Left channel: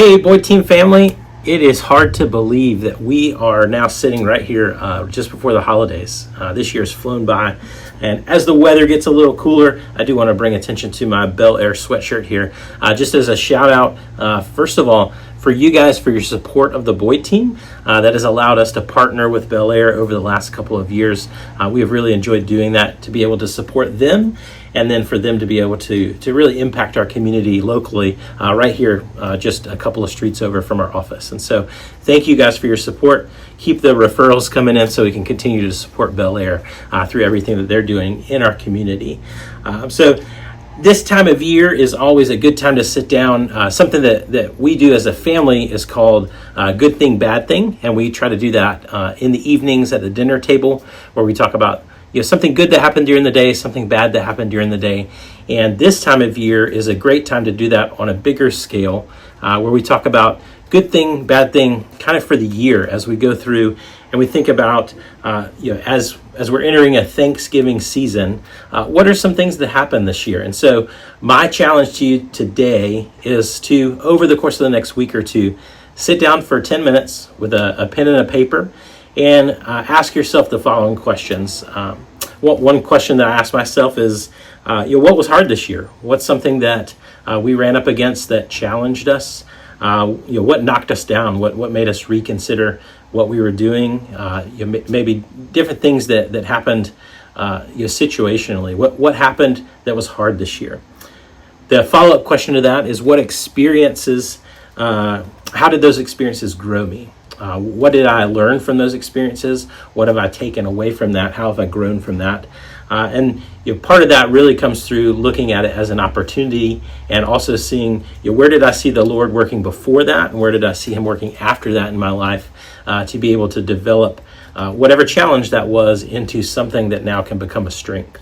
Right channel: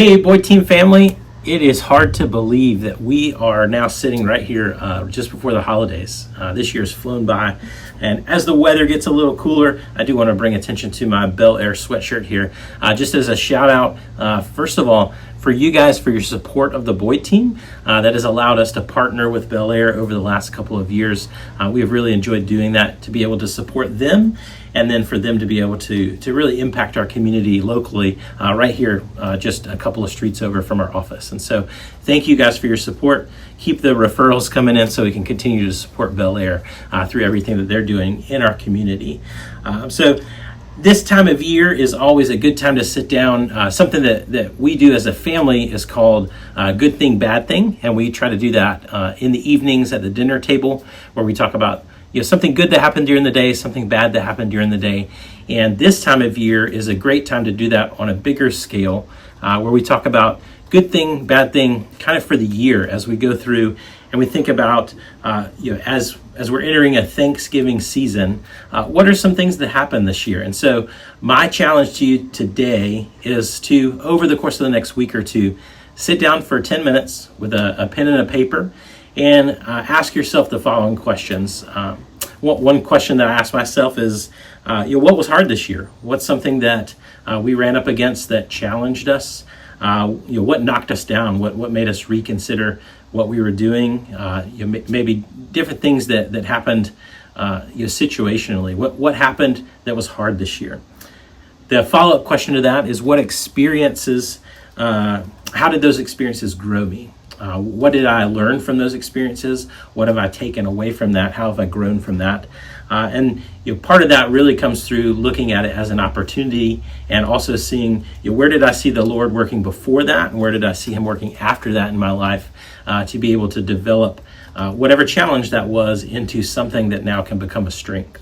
Hey, Boyd Team family. It is hard to believe that we are now sitting right here just before the holidays. This year has flown by, and as the weather gets a little cooler, I do want to bring attention to my Bel Air sweatshirt here. Just as a shout out, first of all, for you guys for your support of the Boyd Team that has allowed us to partner with Bel Air over the last couple of years. We have really enjoyed doing that, to be able to support them and then for them to be able to really impact our community locally right here just a couple of streets over from our office. And so thank you guys for your support. Keep the referrals coming in so we can continue to support Bel Air through everything that they're doing in our community. So this time of year is always a good time to sit down. Something that we do as a family is called Good Thing, Bad Thing. And we try to do that in the evenings at the dinner table, where we talk about something good that happened during the day, something bad that happened during the day. And this time of year is a great time to do that on a bigger scale, where we talk about good thing, bad thing, kind of for the year as we go through, and we think about, as we're entering a Thanksgiving season, what are some things that happened this year? And so my challenge to you today is to, over the course of the next week or two, sit down for 10 minutes with a pen and a paper and ask yourself the following questions. One question that I ask myself is, what was hard this year? What's something that we ran up against that challenged us? What knocked us down? What made us reconsider what we were doing? Maybe different things that happened situationally. What happened that was hard this year? The follow-up question to that is, what experiences, how did those experiences grow me? What did I learn from those experiences? What have I taken away from that? How have I grown from that? And part of that really comes through looking at it as an opportunity, and also seeing where did I see the Lord working before that, and where did I see Him working after that in my life, to be able to develop whatever challenge that was into something that now can become a strength.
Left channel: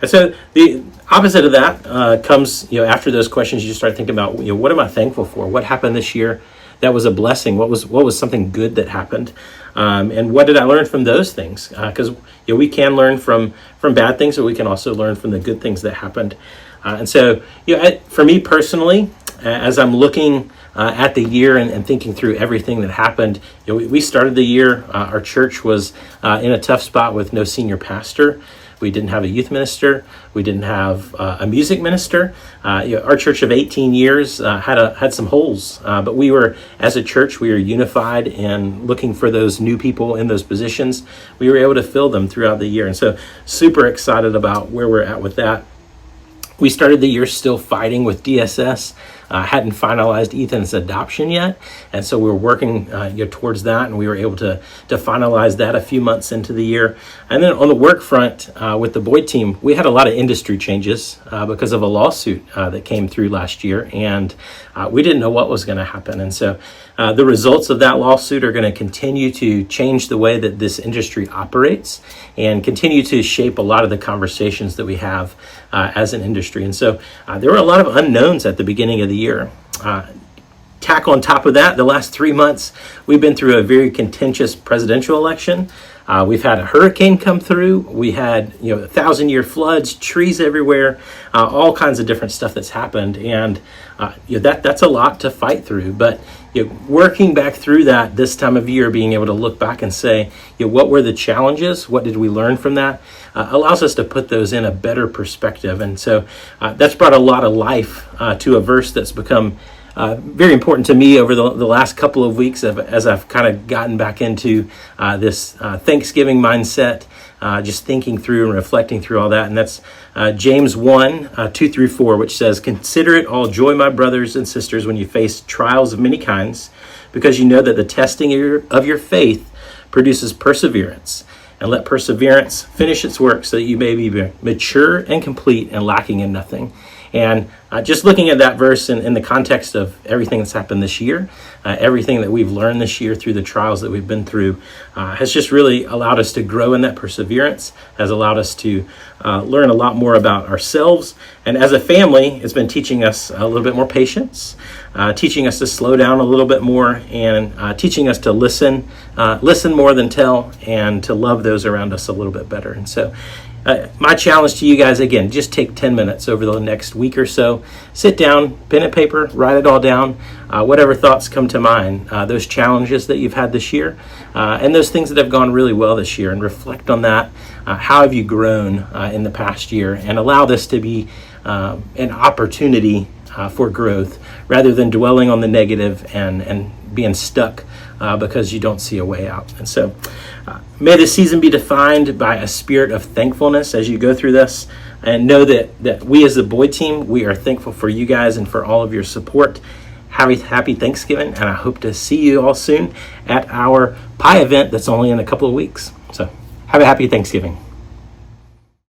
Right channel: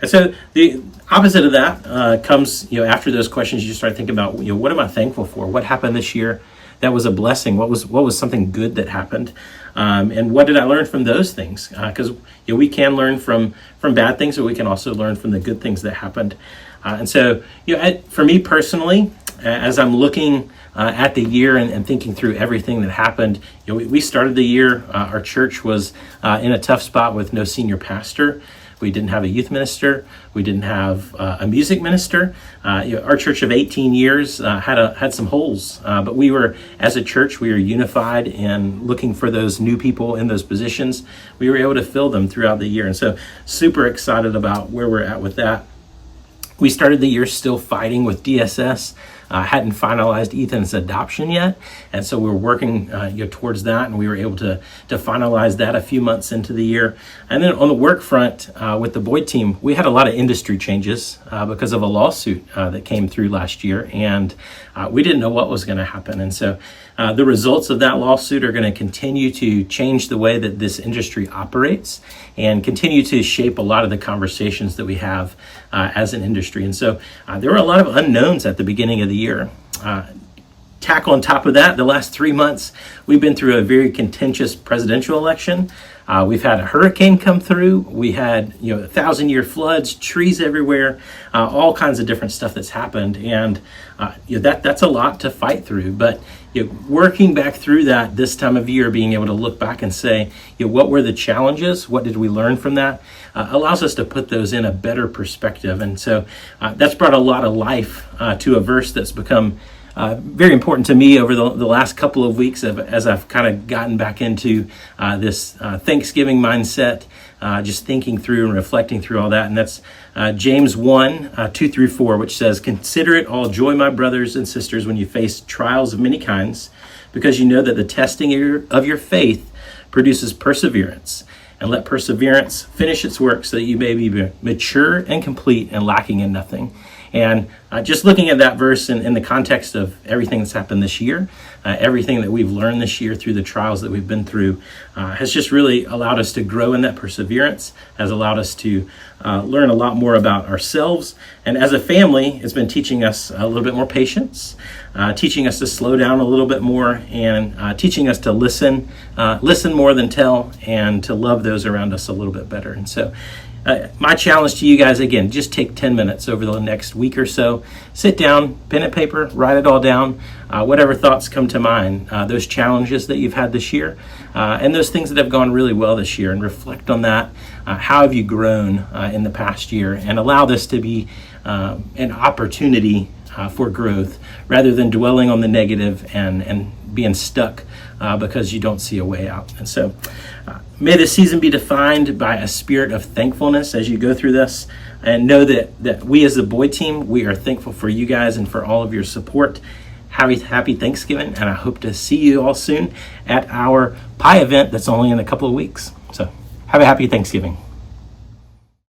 And so the opposite of that comes after those questions. You start thinking about what am I thankful for? What happened this year that was a blessing? What was something good that happened? And what did I learn from those things? Because we can learn from bad things, but we can also learn from the good things that happened. And so for me personally, as I'm looking at the year and thinking through everything that happened, we started the year, our church was in a tough spot with no senior pastor. We didn't have a youth minister. We didn't have a music minister. Our church of 18 years had some holes, but we were, as a church, we were unified and looking for those new people in those positions. We were able to fill them throughout the year, and so super excited about where we're at with that. We started the year still fighting with DSS. Hadn't finalized Ethan's adoption yet, and so we were working towards that, and we were able to finalize that a few months into the year. And then on the work front with the Boyd Team, we had a lot of industry changes because of a lawsuit that came through last year, and we didn't know what was going to happen. And so the results of that lawsuit are going to continue to change the way that this industry operates and continue to shape a lot of the conversations that we have as an industry. And so there were a lot of unknowns at the beginning of the year. Tack on top of that, the last 3 months, we've been through a very contentious presidential election. We've had a hurricane come through. We had 1,000-year floods, trees everywhere, all kinds of different stuff that's happened, and that's a lot to fight through. But working back through that this time of year, being able to look back and say, what were the challenges? What did we learn from that? Allows us to put those in a better perspective, and so that's brought a lot of life to a verse that's become very important to me over the last couple of weeks as I've kind of gotten back into this Thanksgiving mindset, just thinking through and reflecting through all that. And that's James 1, 2 through 4, which says, "Consider it all joy, my brothers and sisters, when you face trials of many kinds, because you know that the testing of your faith produces perseverance. And let perseverance finish its work so that you may be mature and complete and lacking in nothing." And just looking at that verse in the context of everything that's happened this year, everything that we've learned this year through the trials that we've been through, has just really allowed us to grow in that perseverance, has allowed us to learn a lot more about ourselves. And as a family, it's been teaching us a little bit more patience, teaching us to slow down a little bit more, and teaching us to listen more than tell, and to love those around us a little bit better. And so My challenge to you guys, again, just take 10 minutes over the next week or so. Sit down, pen and paper, write it all down, whatever thoughts come to mind, those challenges that you've had this year, and those things that have gone really well this year, and reflect on that. How have you grown in the past year? And allow this to be an opportunity for growth, rather than dwelling on the negative and being stuck because you don't see a way out. And so may this season be defined by a spirit of thankfulness as you go through this, and know that we as the Boyd team, we are thankful for you guys and for all of your support. Happy Thanksgiving, and I hope to see you all soon at our pie event that's only in a couple of weeks. So have a happy Thanksgiving.